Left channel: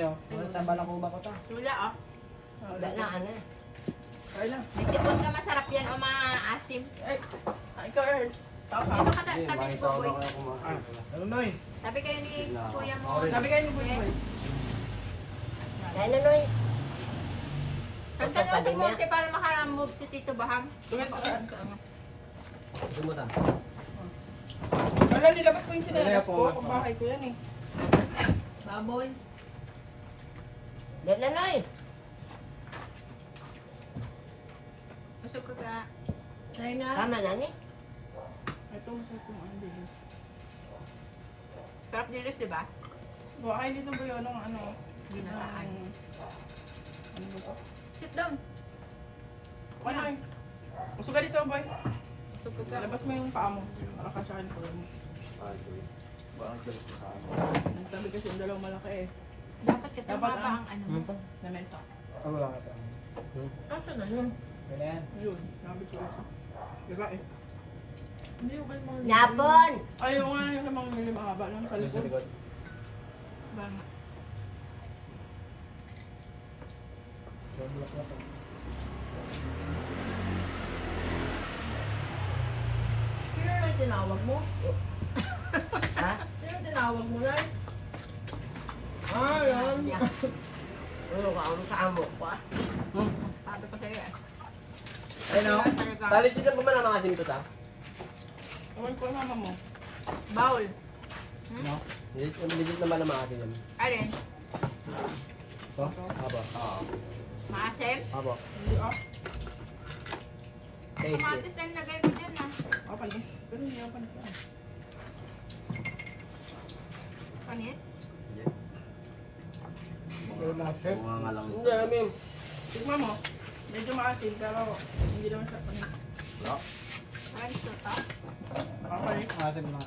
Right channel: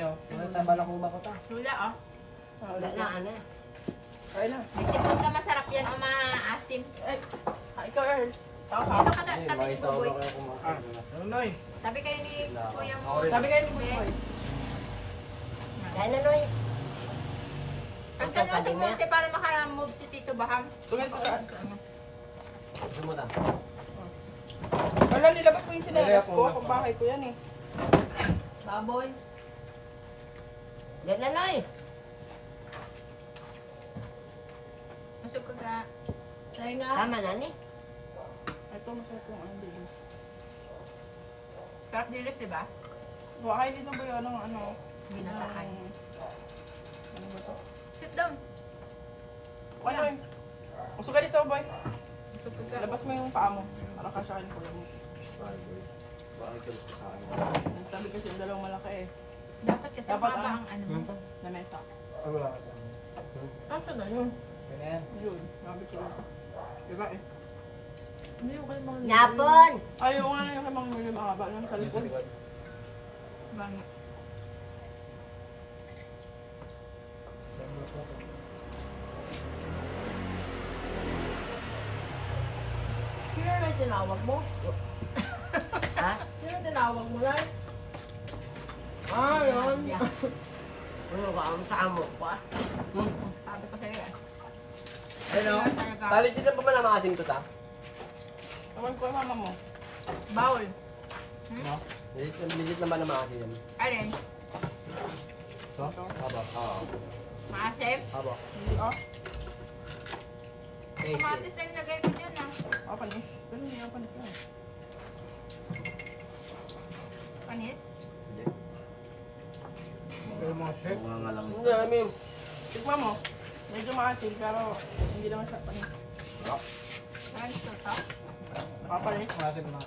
nyo. Tambala ko ba ko ta? Lula, oh. Wala na, ano. Kaya na. May sipon ka, masarap yan o maasim. Ay, ikaw eh. Dito ka tabi ni Buboy. Ano na eh? Tabi kayo ni Kuya mo. Sabi kayo ng buhay. Kaya na, Noy. Ang tanong sa monte para makaramove si Tito Baham. Sumutan. Wala, nilabas ko yung sinelas ko. Kung bahay ko yan eh. Baboy. Yan na, Noy. Masuk ka ka. Tayo na. Tama na, ni. Ito, masarap yung ano, dilis. Sarap dilis, di ba? Baka hindi na ba yun ang ano? Ginataan. Ano ba ito? Sit down. Ano eh? Gusto ka dito, boy. Masuk ka ka. Labas mo yung paa mo. Nakakasya ka yung pula mo. Nagtabi kasi yung dalawang malaki eh. Dapat kasi Dapat mababa ang ano mo. Nanesa. Wala ka ta. Asa na yun? Kaya na yan. Yun, sabi ko lang. Diba eh? Hindi yung kayo mga... Yapon! Ayaw nga yung mga mga mahaba lang sa Sa likod. likod. Banga. Sa block na to. Sino na yung tinawag mo? Ha? Sino yung tinawag mo lang? Yun. Ano ka, ang kaamo ko, ah. Sabi ko sa'yo eh. Ano? Talit dito pa man ang maasim to ta? Ewan ko yung mama mo. Bowl. No? Legit naman ang maasim yan. Alin? So? Haba. Oo. Maasim? Haba. Hindi ah. Kamatis na yung lagay ko dyan ah. Ah, panis. Pwede niya panis yan. Panis? Hindi, I mean. Tignan mo. Medyo maasim pero hindi naman siya panis. Panis to to? Nakapanis. Maasim na.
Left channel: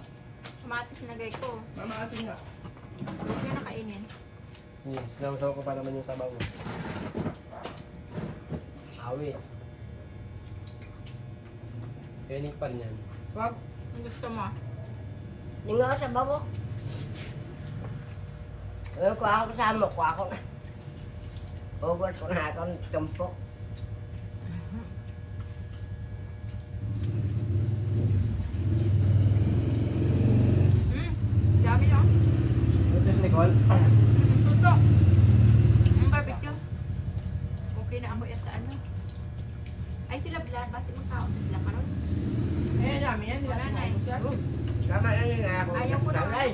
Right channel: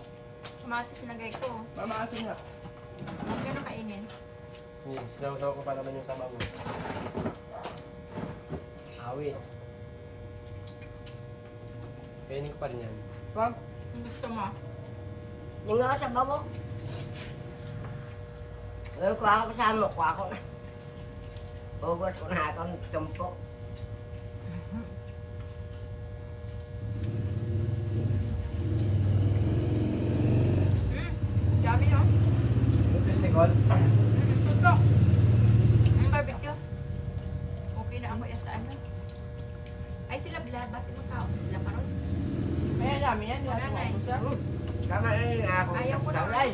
Kamatis na lagay ko. Mamaasim nga. Huwag nyo nakainin. Hindi, sinamasaw ko pa naman yung sabaw mo. Awi. Kainin ko pa rin yan. Wag. Kung gusto mo. Hindi nga sa babo. Ngayon, kuha ko sa mo, kuha ko na. Ubos ko na akong tumpo. Dami yun. Ito si Nicole. Tuto. Ang barbecue. Okay na ako sa ano. Ay sila blaba, si Macau. Sila karon. Ayan namin yan. Wala na eh. Tama na yun nga ako. Ayaw ko na. Ay,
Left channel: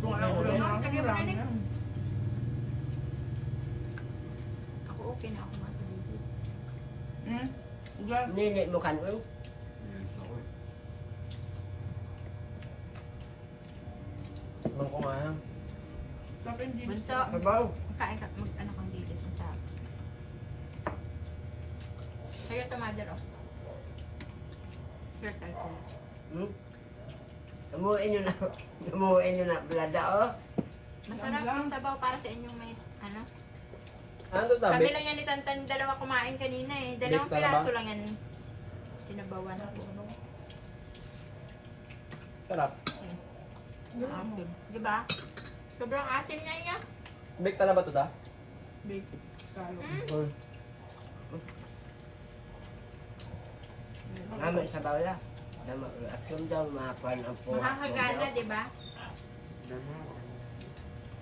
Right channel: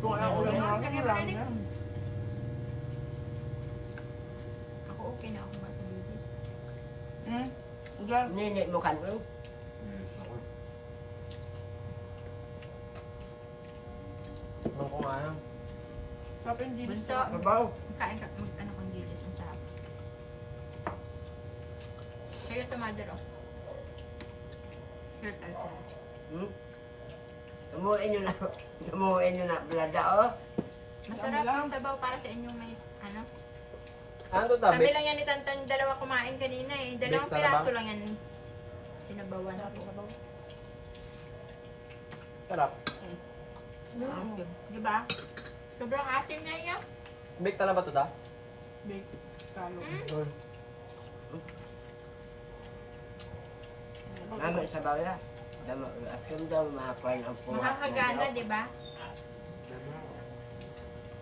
Kung ano ulam na Lagay mo na, Nick. yan. Ako okay na ako nga sa babies. Ugal. nini mo kan mo. Alam ko nga yan. Sarap yung jeans. Bunso. Sabaw. Magkain ka, ano kang dilis, masarap. Sa'yo ito, mother, oh. Sure, tayo ko. Umuin nyo na. Umuin nyo na. Blada, oh. Masarap yung sabaw para sa inyong may, ano. Ano to Sabi tabi? lang yan ni Tantan, dalawa kumain kanina eh. Dalawang Baked piraso talabang? lang yan. Sinabawan. Sarap. Asim. Di ba? Sobrang asim niya niya. Bake na ba to ta? Bake. Scallop. Or Namin sabaw la. Dama, asum daw makuha ang puha. Makakagana, di ba? ano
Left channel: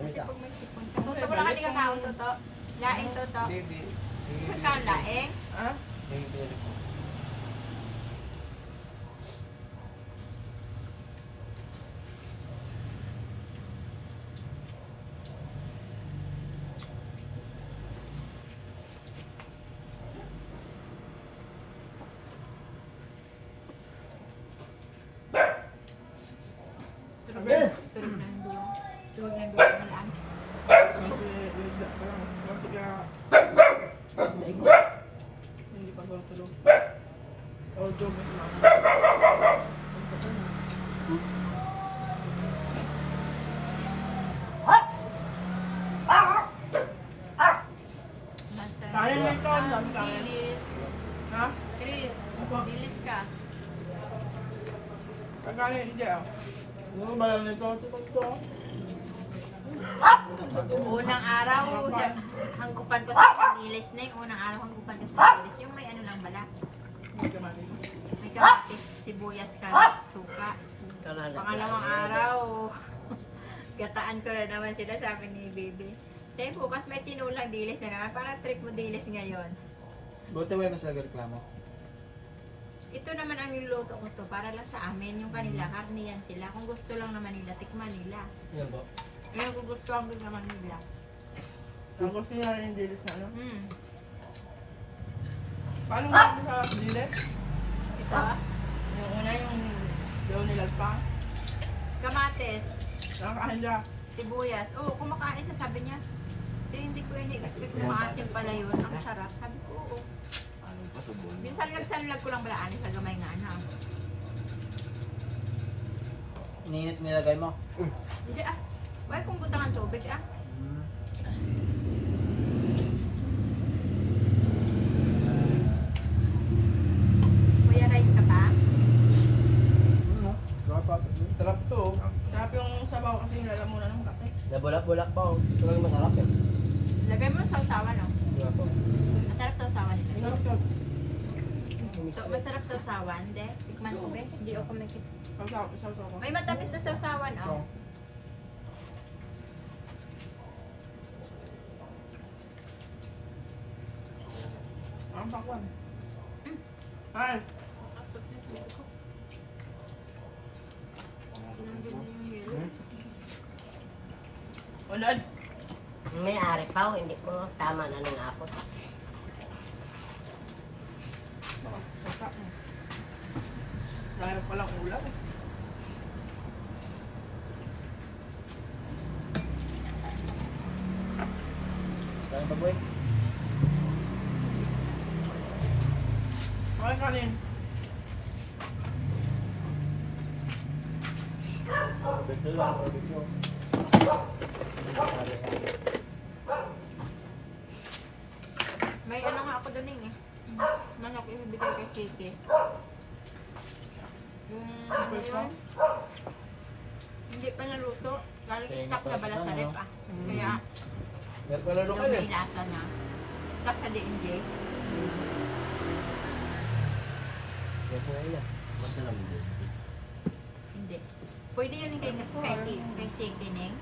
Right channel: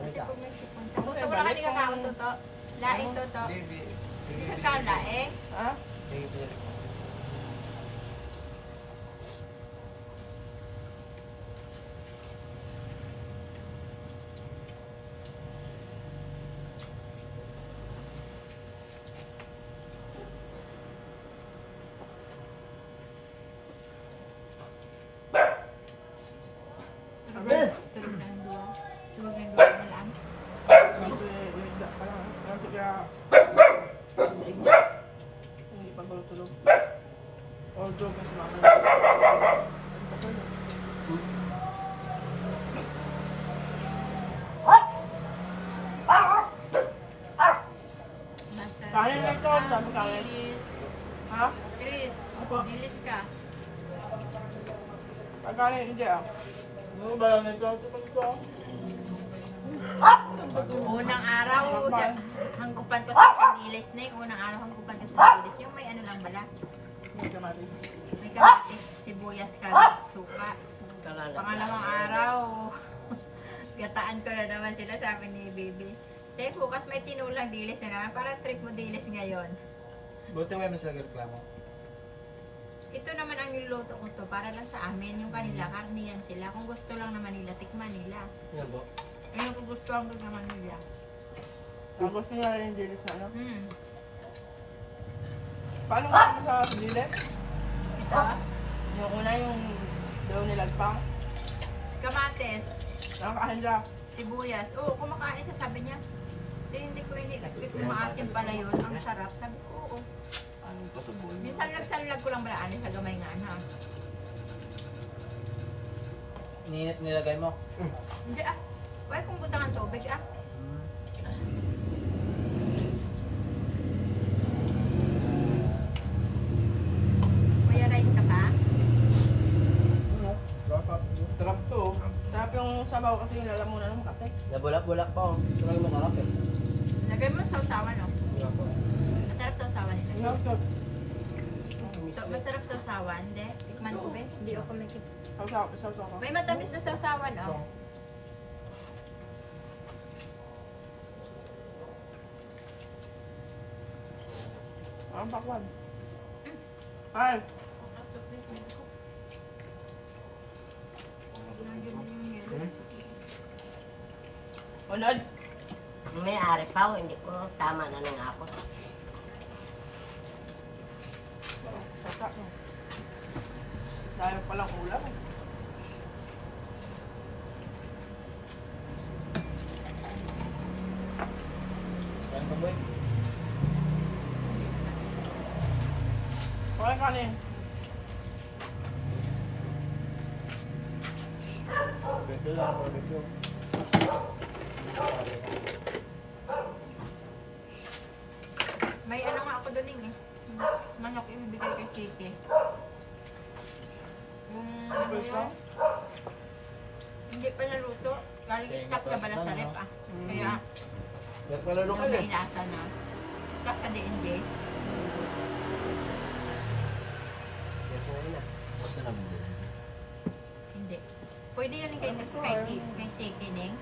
Kasi ka? pag may sipon ka. Toto, wala ka di kakaon, Toto. Laing, Toto. Kakaon, laing. Ha? Yung pinili ko. Tulog na yung duwa. Tulog na yung duwa. Malaan. Ligda pa lang. Kaya hindi pa tulog. Although mas lang. Masarap. Kaya na ito. Ang dami Ang kaya. dilis. Ha? Chris, Apo. dilis ka. Akala hindi ah. Ano ba lang ito? Ito. Unang araw, hanggupan ko sa kanilis na yung unang araw, hanggupan ko sa kanilis. Yung may ano lang bala. May kamatis, sibuyas, suka. Pangalawang araw, gataan ko na naman sila, sabi ni Bibi. Tay, bukas may tinulang dilis na naman. Para trip mo dilis ngayon. Buti may mas reklamo. Ito naman ang niluto ko to para lang sa amin. Yung kanila, karne yan sila. Kung gusto lang naman nila, tikman nila. Yan po. Ngayon kung gusto lang naman nila. Gusto nila rin yung dilis na ano? Paano nga mo sa dilis? Ito, Yung una yung daw nilagpang. kamates, Nakakain siya. sibuyas. Oo, kumakain siya, sabi niya. Hindi ko ini-expect na maasim pala yun. Ang sarap. Sabi ko, oo. Anong pasabol? Minsan nagsanlag ko lang balaan sa gamay nga na. Ninit nilagay mo? Hindi ah. Why kung butang ang tubig ah. Kuya, rice ka pa? Sarap to. Sarap yung sabaw kasi nilalamunan ng kape. Nabulak-bulak pa oh. Talagang masarap eh. Lagay mo sa usawan no? Diba po? Masarap sa usawan nila. Ano? Masarap sa usawan, de. Tikman ko be. Hindi ako may Sausaw. May matamis na sa usawan oh. Ang pakwan. Ay, Nandiyan na yung yelo. unod. May ari pa, hindi ko tama na ng ako. Kaya palang ulam. Kaya pa boy? Okay, kanin. Barbecue lang, barbecue. May ano nga ako doon eh. Manok ibibigay kay Kiki. Yung ano yun? Hindi pa naluto. Galing stock na bala sa rep ah. Kaya Meron pa lalo yung kayo. may lasa na. Stock sa D&J. Yan po yun ah. Basta naman din. Hindi. Pwede yun kay Seke, Ning.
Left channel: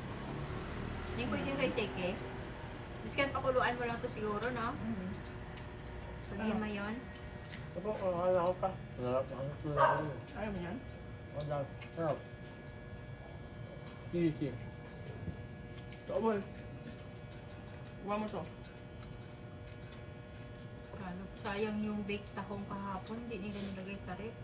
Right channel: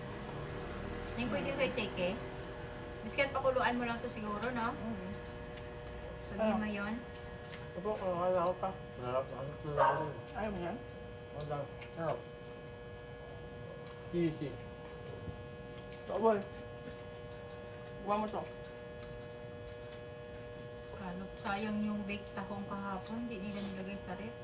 Ning, pwede yun kay Seke. Biskan pakuluan mo lang to siguro, no? Pag lima yun. Opo, akala ko pa. Sarap ko. Ayaw mo yan? Wala. Sarap. Sisi. Ito, boy. Huwag mo to. Kalo, sayang yung baked tahong kahapon. Hindi nila nilagay sa rep.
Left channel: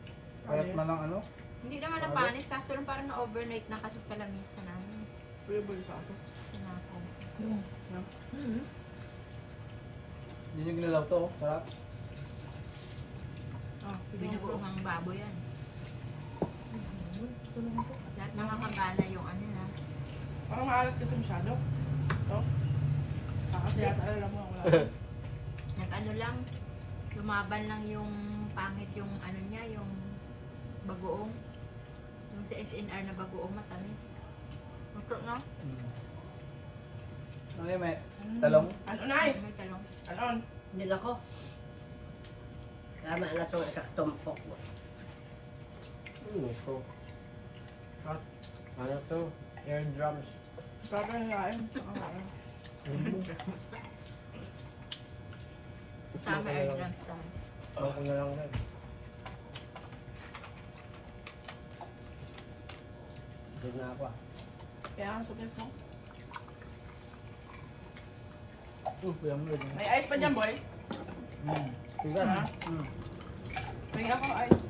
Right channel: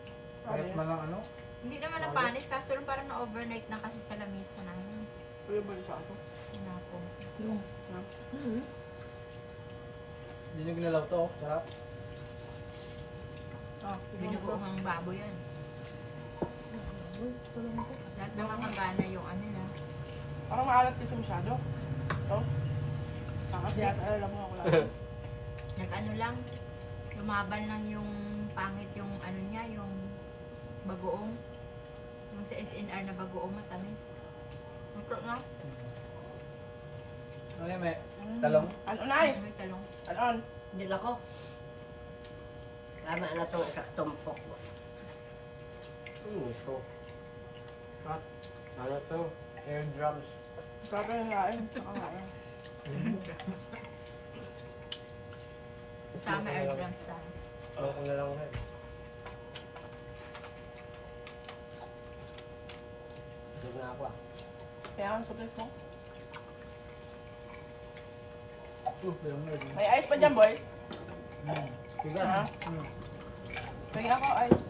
Kahit man lang ano? Hindi naman napanis, kaso lang parang na-overnight na kasi sa lamisa namin. Ayaw ba yung sa ato? Sinapong. Hindi nyo ginalaw to oh. Sarap. Ah, Binugoong ang baboy yan. Lahat nakakagana yung ano na. Parang maalat kasi masyado. Ito. Kasi yata alam mo ako na. Nag-ano lang, lumaban lang yung pangit yung ano niya, yung bagoong. Yung sa SNR na bagoong matamis. Ito nga, Ano yun, may talong? Ano, nay? may talong. Ano? Hindi na ko. Tama na itong tumpok mo. So. Cut. Ano to? Eardrums. Sarap yung kain. Sama air drums tayo. Bako na lang rin. Dug na ako ah. Kaya ang suples mo. Kuya mo rin. May ice pa dyan, boy. Tigas. Ha? Tingnan ako ice.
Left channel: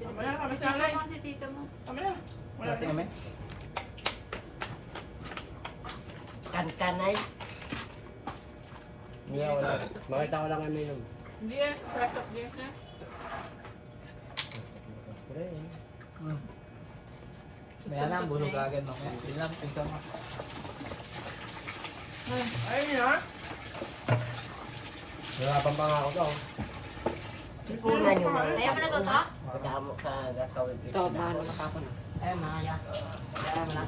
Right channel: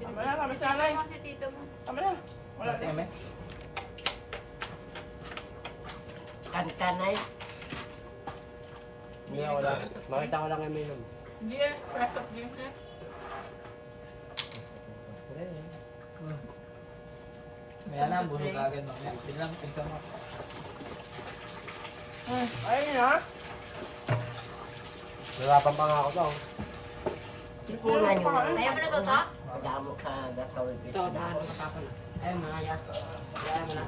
Tama na, kami Si sa tito alay. mo, si tito mo. Tama na. Wala Wala na. kami? Kankanay. Hindi wala. Makita ko lang yung minum. Hindi eh, fresh of drinks na. May alam, busog agad mo. Hindi lang, pinto mo. Ayun yun, ha? Narapan pa nga ako to. Sipunan nyo na. Ayaw mo na to? Damo sa gasawin Ito, mahalo na papa na. Ayun, mahaya. Kaya mo na.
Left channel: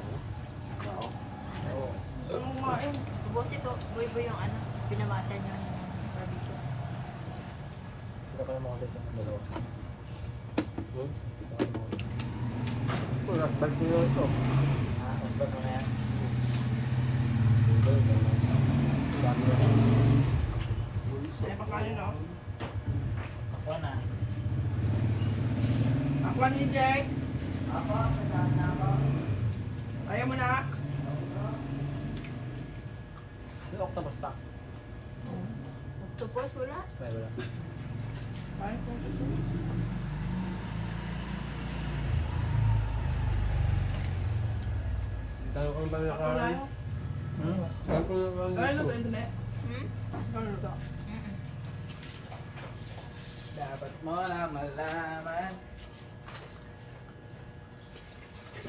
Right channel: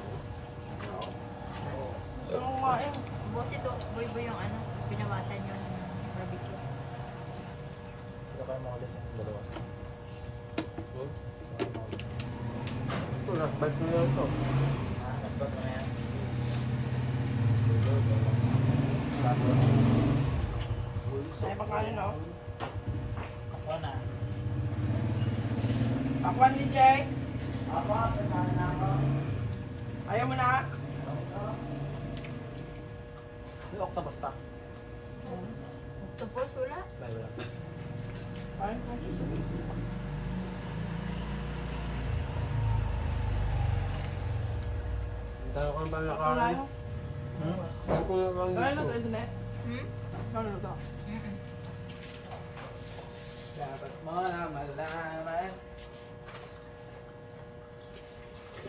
Gusto mo kumain. Boss ito, boy yung ano, pinawasan yung barbecue. Ito kayo makakita sa dalawa. Ito, nasbag ko yun ito. Nasbag ko na yan. May pagkain no? Ako na. Takwan ni Jay. Ayaw mo na. May octopus pa. Octopus, wala. Ay, wala. Kain ko gusto. Tayo ko naman Wala nakarin. mo. Tayo ko naman Ano luto ito na? Hmm? Ano luto? Mm-mm.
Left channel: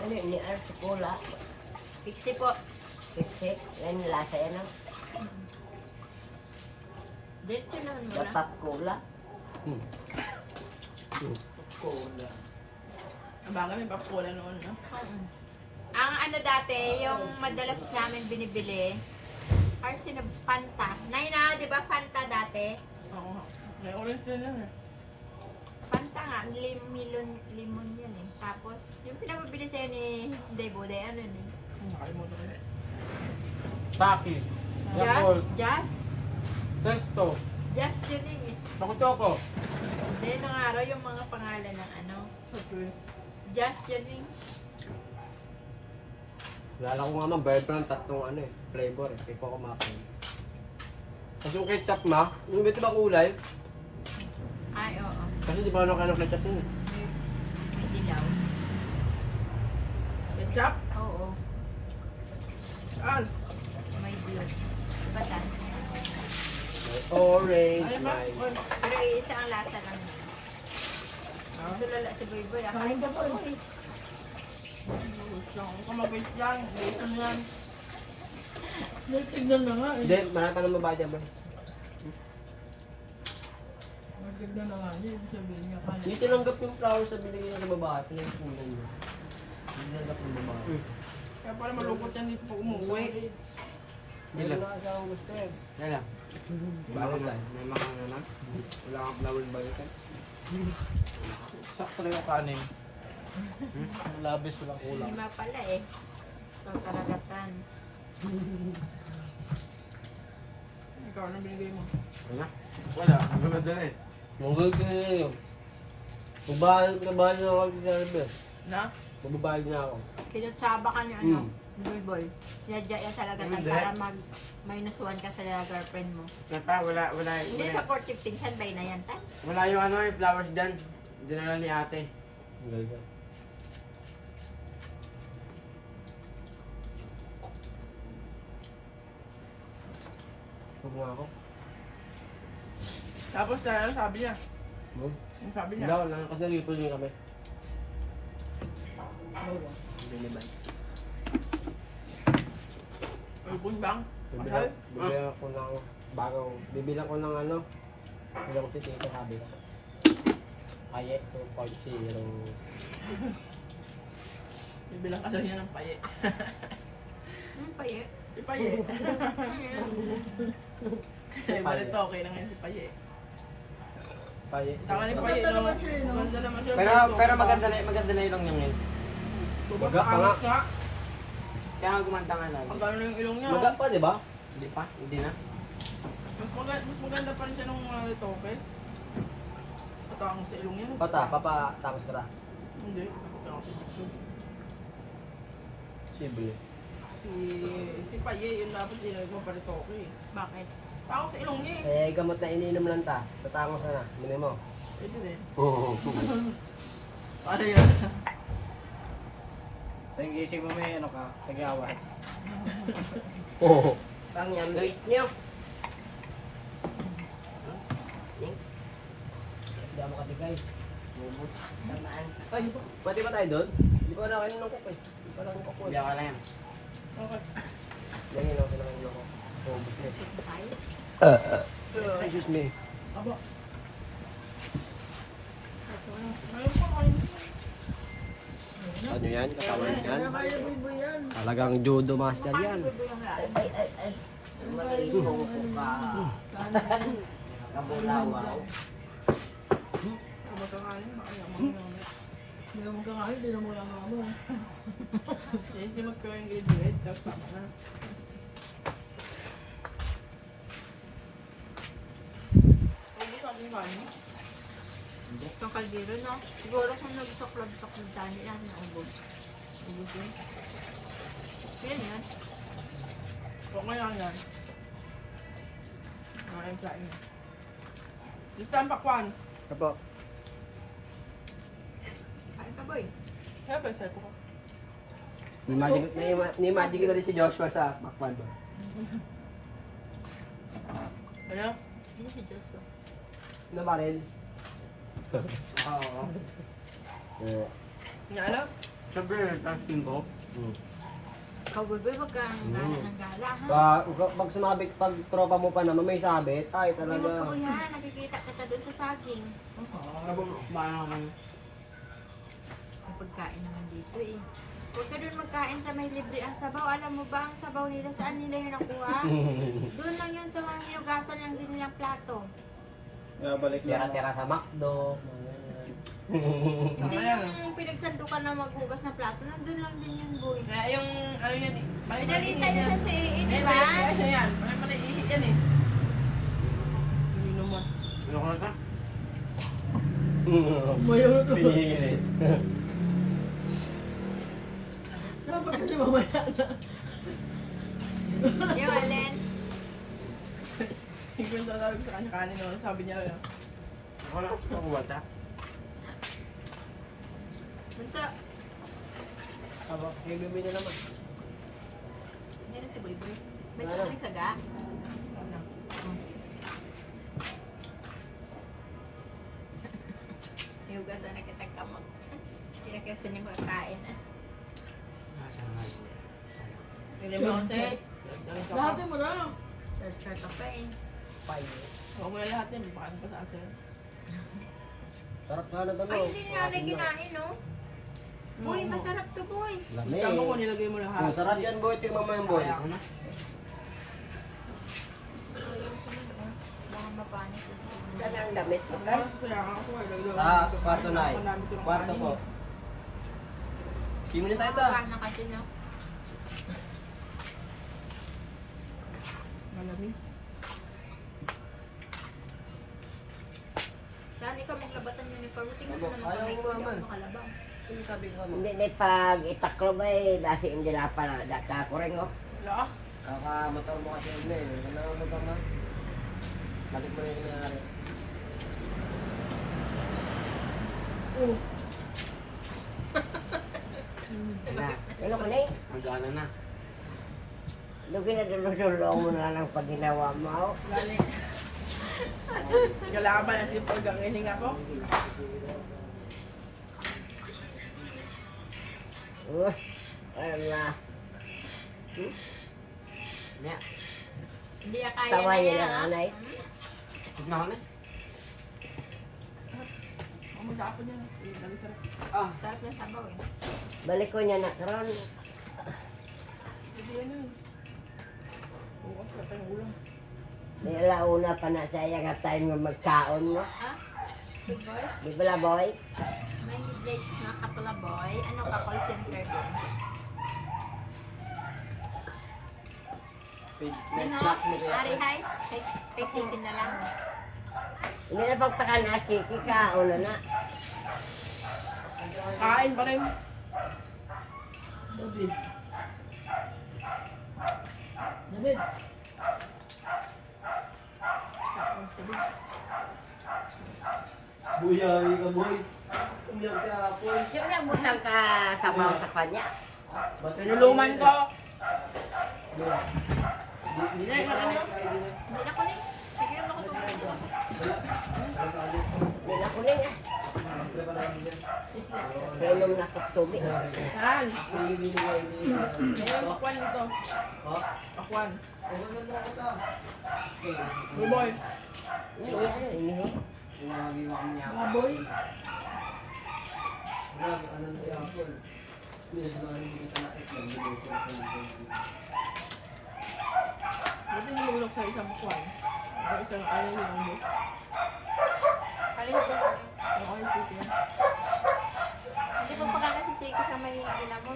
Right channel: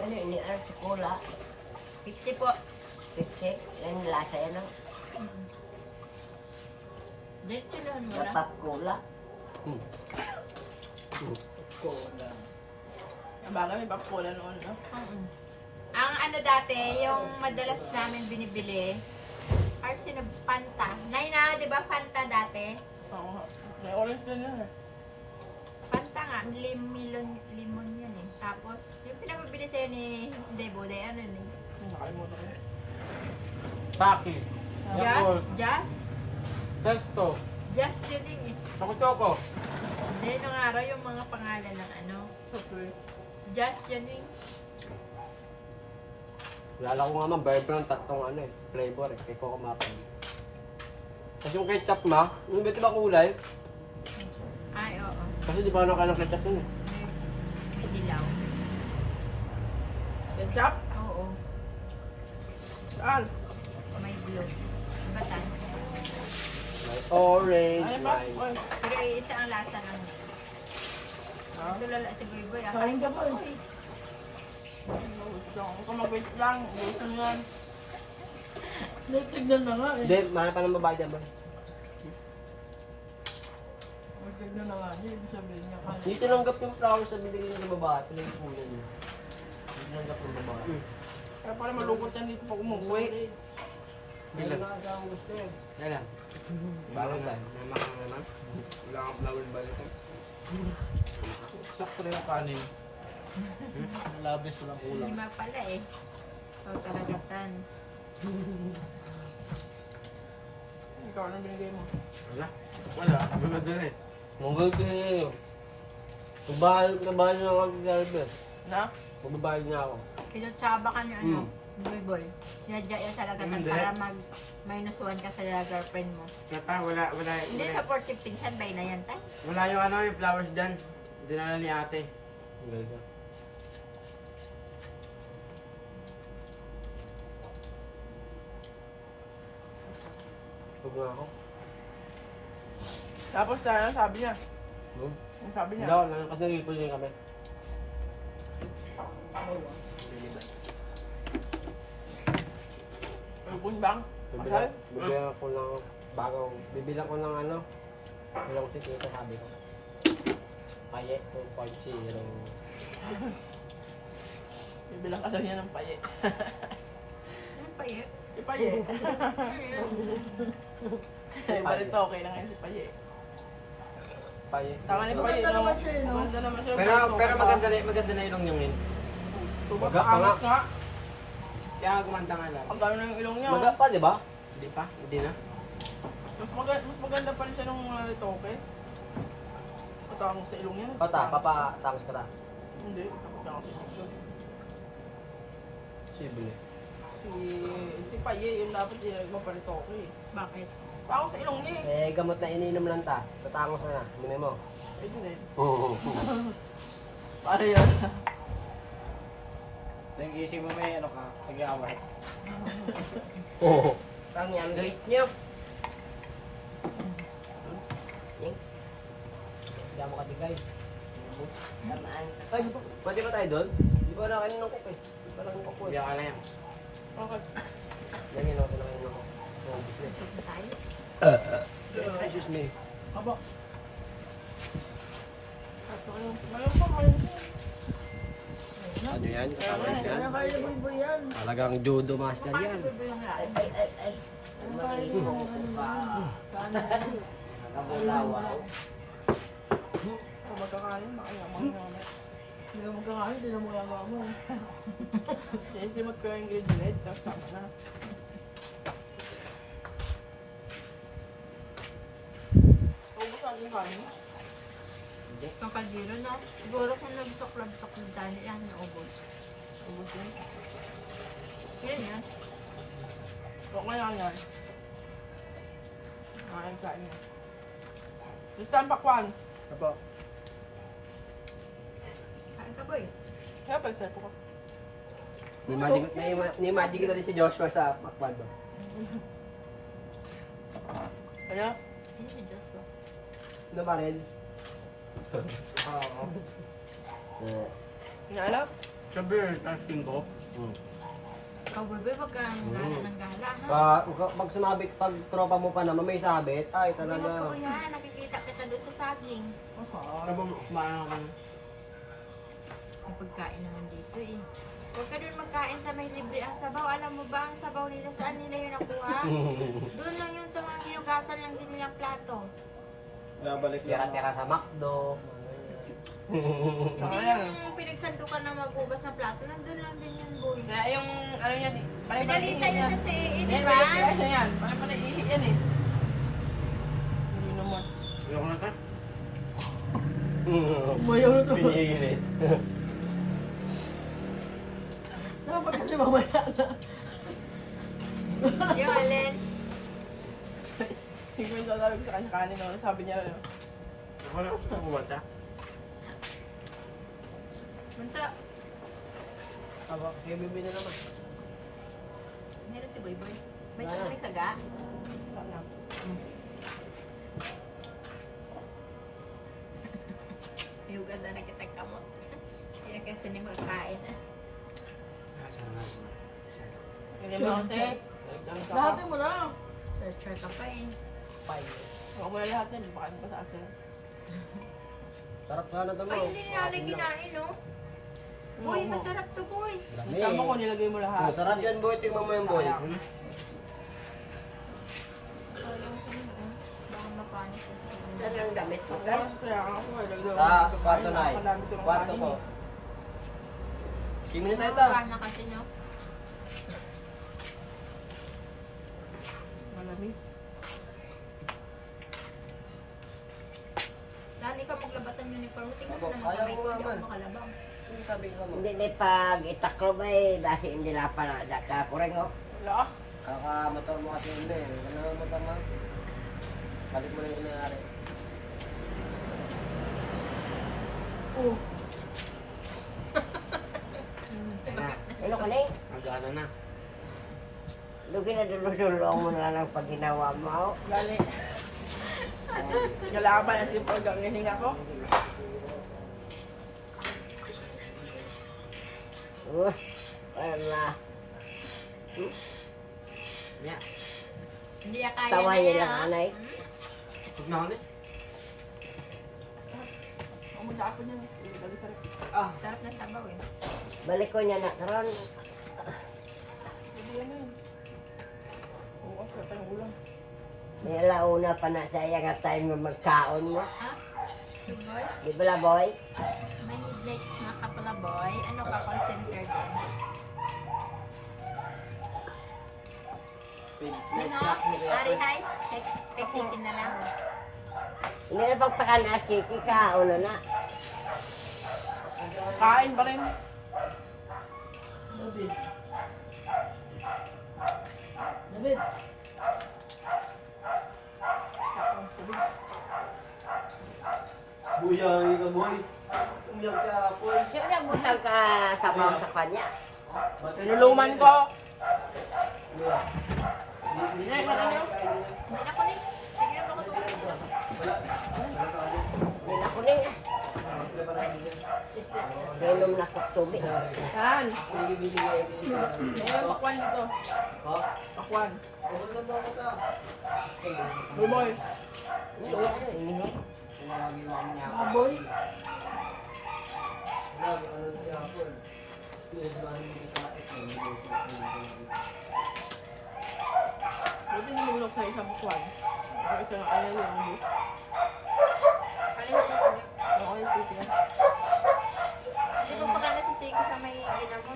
Ano ini si Kula? Pixie po. Pixie. Yan lasa yan ang Diretso naman mo lang. napap Kula. Ang bagay may pakpula noon, no? Ang ano dati, yung madalas namin binibili, Arsi na Fanta. Nay na, di ba Fanta dati? Oo. May orange din yan eh. Fanta nga, limon yan eh. Tapos, yung pinapabili sa'yo ni Deboday, ano ni? Nakalimutan ko. Paki. Jazz? Testo. Jazz yun eh. Toko-toko. Hindi, nung araw yung mga pangalan ng ano. Okay. Jazz yun eh. Lala ko nga man, bird brand, tatlong ano eh, flavor eh, kay Coco Mapping. Kasi yung ketchup ma, yung ba kulay? Ay, oo. Kasi di ba ano ketchup yun eh. May dilaw. Ketchup? Oo. Saan? May blue. Diba tan? May orange, Ayun ba? may... Oy. Pero isa ang lasa lang niya. Tulala si Boy Boy. Akain ko po eh. Wait lang. Huwag ka mag-wait lang. Wait mo yan. Tignan na nga eh. Hindi, mahal pa ng babae dyan ba? Tignan na nga. Hindi ibig sabihin niya kanya. Hindi tinanggap yung flowers sa binigay niya sa babae, pinagpunan niya. Hindi tinanggap yung babae. Kaya pala malungkot yan dito pag umuwi. Hindi lang. Wala kang gusto eh. Yan lang. Bala na. Namaka naman. Wala kang flower balikan. Sakto yung kanin. Labis ko ng kulang. Lima pala eh. So, karagatan. Ikaw lang binigay mo. Wala. Magulod na eh. Magulod na yun. Magbahan na ako sa server. Na? Magbabayad na ako. Kinutsaba ka niya ano, Boy Boy. Sinadya yan sa lagatan Hindi. para mag-minus 1 ka sa girlfriend mo. Kaya wala Hindi sa 40 pinsan, bay na yan, tay. wala yung ano yung flowers dyan. Dinala ni ate. Ang galing ka. Huwag nga ako. Tapos ano sabi niya? Huwag. Ang sabi Hindi niya? ako lang. Kasi nag-ipon din kami. Ulbon bang? Bibilang ko ng bagong, bibilang ko ng ano, bilang ko si tita sabi ko. Payet to 40 yung... Bibilang ka daw niya ng paye. Ano pa yun? Si paye. Eh, barito okay lang yun si paye. Payet. Tama ni paye. Maganda naman siya. Maganda naman siya. Pero maganda na ilong niya ngayon. Maga pa nga. nga. Kaya nga gumanda nga lang. Ang gano'n na yung ilong niya. Maga pa, di ba? Hindi pa? Hindi na? Mas maganda pa rin siya nung mga nito, okay? Patangos sa ilong niya. Tapos ka ta. Hindi. Patangos sa ilong niya. Sibili. Si Paye, yun dapat yung magparito ko eh. Bakit? Tangos sa ilong niya eh. Eh, gamot na iniinom lang ta. Tatangos na na. Mini mo. Pwede rin. Oo. Paano yun? Nag-iisip mo may ano ka, nag-away. Ang yan rate niyo. Hindi mo katigay. Tamaan ka. Ay, pwede ba tayo doon? Hindi pa na kainin ng kuko eh. Hindi pa lang ng kuko Hindi eh. ako lang yan. Okay. Yan yun ako kinakain ng kuko. Oo, gusto eh. Ito tayo? Excuse me. Aba. Mayroon pa kayo. Ano yan? Katawan yan? Kaya kaya boy yan. Talagang judo master yan. Paano ba yung lain? Kung magkakain, makayaman yun. Hindi ka magkakain, hindi na magagawa mo. Kasi magka-ingredient, tapos tama na. Ubus ang yung kanin. Itong kaldero, no? Siguro kung nabusok-labusok ng dani yan, naubos. Ubus yun. Yun yan. Huwag mo lang yan. Nakain sa inyo. Gusto ang pakwan. Apo. Kain ka, boy. Kaya pag-isay ko ka. Ni-imagine ko na rin si Joshua sa Macpan ba? Ano? Hindi si Joshua. Na baril? Oo. Nga ano? Sabi rin, testing ko. Ikaw, boy, wag kang gala ng gala, ha? Pag sumabit, pag tropa mo pa naman may sabit, ay Uy, wag ka, talaga. boy, ha? Nakikita kita doon sa saging. Ano ba kumain ako? May pagkain naman dito, eh. Huwag ka doon magkain sa may libre ang sabaw. Alam mo ba ang sabaw nila? Saan nila yun nakuha? Doon lang yun sa mga hinugasan lang din nilang plato. Balik Tira-tira sa McDo. Hindi yung pinagsandukan na maghugas ng plato. Nandun lang din yun, boy. Kaya yung ano yan eh. Pinalitan niyo sa CAA, di Kaya ba? yan. Panay yan eh. Hindi naman. Ano ko na ito? Mayaw na Pinihirit. Dapat kasi mamaya sa... Yung alin. Hindi ko yung sasabi ko sa kanya kanin. Sabi niya rin. Ako na ako kumata. Bunsa, Aba, yung bibi na naman. meron si Boy Boy. May sakalik saga. Yugas na nakitang kamot. Kaya kasi ni makakain. Hindi mo kasi. Lahat mo na. Char-char ka pa, eh. Ako mo na lahat na. Pakain pa sa asin. Sarap sana ito mo. Ay, hindi na nanay kinain, no? Boy, masarap to, boy. Lami. Tama ko nilagay mo lahat. Masarap yan boy, tingnan mo yung boy. Sayang ko yun, oh. Baka mapanis sa Ang damit mo na. Pero sasayang ako. Sa kwarto na eh. Kwarto po. Simunin tayo ito. Kana kasi, no? Malamig. Saan ikaw maglabatan yung uniform? Tingnan Abo, mo naman ayaw kung may mo kundi naman. ako makalabaw. Sabi ka mo. Hindi na pag itaklo ba eh, basi hindi na pa na dakakuring oh. Wala. Kakamotor mo kasi yun eh. Ano na motor na? Balik mo na yung nangyari. Ano ko na eh? Magana na. Lugi na dulong mo na lang pag ginawa mo. oh. Lali. Nalaman at yung pag-gangiling ako. Wala. Yeah. Hindi ya kaya Tawa na niya yan. lang, anay. Huwag na ako na. Ako magkakapon yan. Balik sa rin. Ah. Sarap ng sabaw, eh. Balik ko niya na karon. Hindi yan eh. Bukas wala tayong ulam. Nilauna pa na saya nga time nga magkaon mo. Ha? Good boy? Di ba la boy? May midnights na ka pala, boy. Ano ka, call center din? Nino, Ari, hi. Pesikin na lang. Hindi na pagtakan na siki ka. Ano na? Kain pa rin. David. Tapos tubig. Buyay ka boy. Umiyak sa hapon. Siyempre butang ka sabaw sa kanya. Niluluman ko. Hindi Nay, marami. Hindi na ko ni. Sige, ano ko tubig. Hindi na ko. Hindi na kuning. Inom na kong tubig. Yan. Ayan, pakwan dito. Pakwan. Boy boy. Ini Pinagawa kami niya. Mga boy. Buti nilulok sa isang buwan. Ako isa na kaya yung umbo. Ano yung siko? Ako yung titi yan. Hindi mo pa kaya nasisiki sa may kanila mo.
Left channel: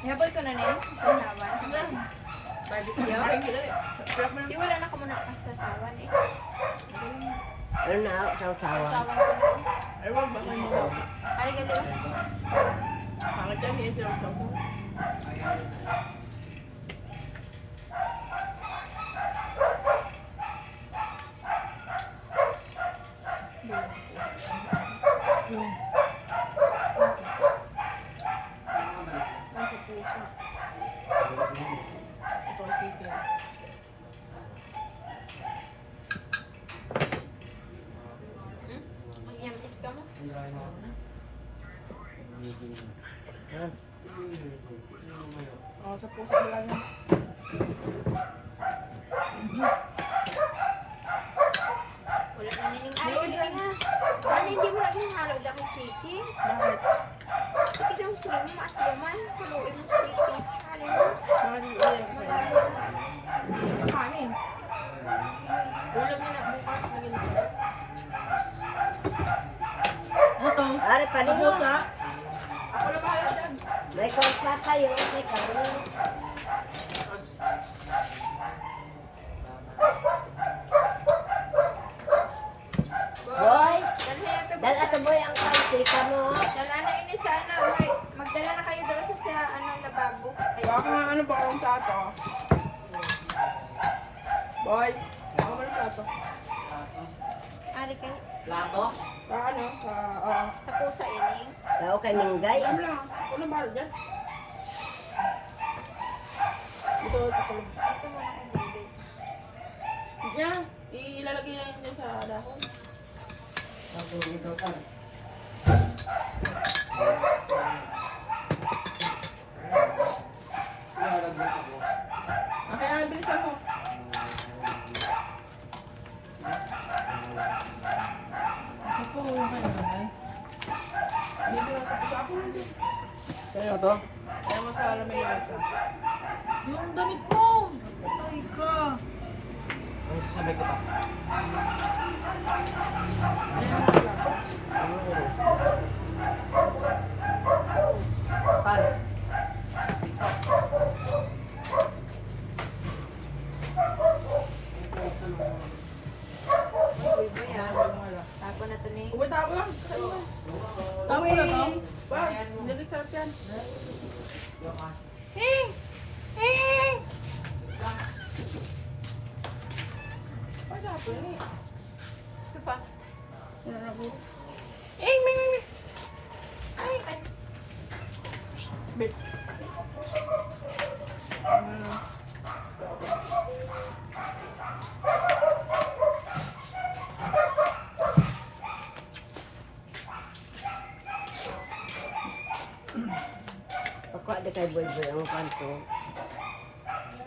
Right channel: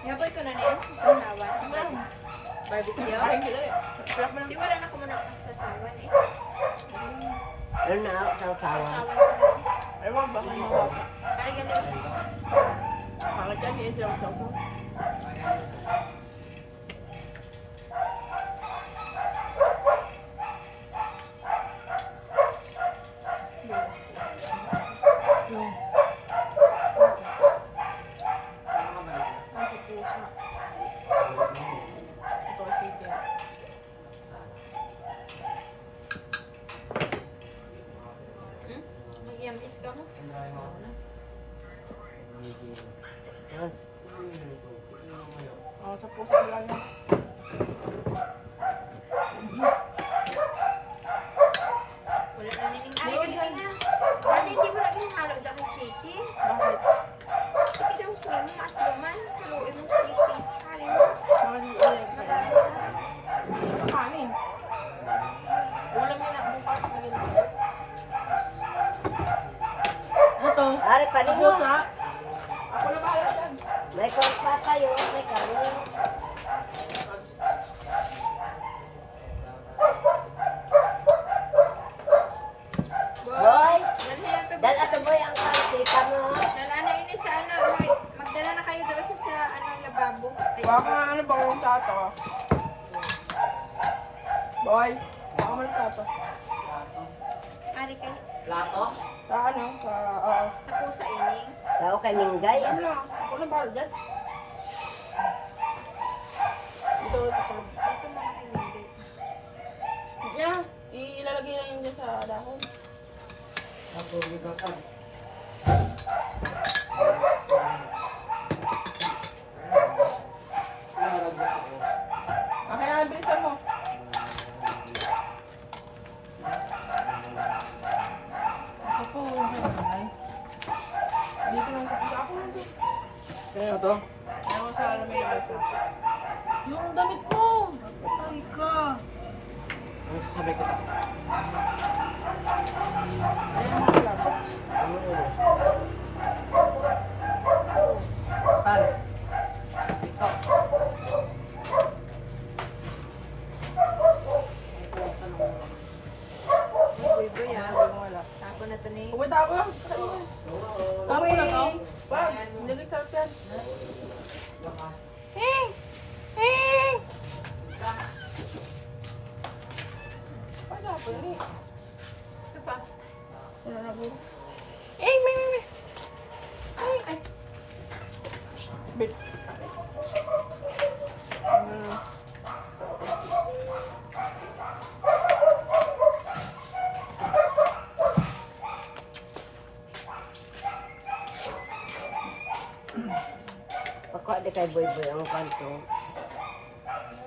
Inabot ko na niyan? Sa sawan? Barbecue. Yo? Kain sila eh. Sarap mo Di lang. wala na ka muna sa sawan eh. Ano na ako sa usawa? Sawan sila. Ay, wag ba kayo mawala? Ari gali ba? Pangat yan, hindi silang sausaw. Yung. Ang sa pusa. Ito ang chicken. Mag-yamis ka mo? Oh, sa pusa mo lang yan. Wala na nining. Ari gali na. Ano hindi mo lagi halo daw may siki? Bakit? Siki daw sila mo maasluman. Haluin mo siki. Ari mo. Bakit yung iyan? Magalisa. Kanin. Ulam niya na bukas. Ito. Ari pa rin mo. Pusa. Ako na bahala dyan. May kontra tayo, may kanin. Boy, Ano sila to? dal ato boy ang pangkita mo. Dala na ini sa ano. Hoy, magdala na kayo daw siya sa anong lababo. Ay, Baka nga ano pa kung plato. Boy, baka mo ng plato. Ari kayo. Plato? Sa ano? Sa, oo. Sa pusa ining. Tao kay Minggay. Diyan lang. Ako na bahala dyan. Ito, ako lang. Ito mo na kumindi. Yan. Ilalagay lang yan dyan sa dahon. Okay na, bilisan mo. Ako, okay na nanay. Dito lang sa pusa. Ako lang dyan. Ano to? Ayaw mo sa alam may lamesa. Yung damit mo! Ay ka! Ano sasabihin kita? Ayaw mo sa plato. Bakal. Uy, boy, yan. Wala. Tapo na to ni. Uy, tapo lang. Tapo na to? Wag, hindi sarap yan. Wala po ni. Ito pa. Wala na po. Ay, Bip. Pagkuha di kay boy boy ang kanto.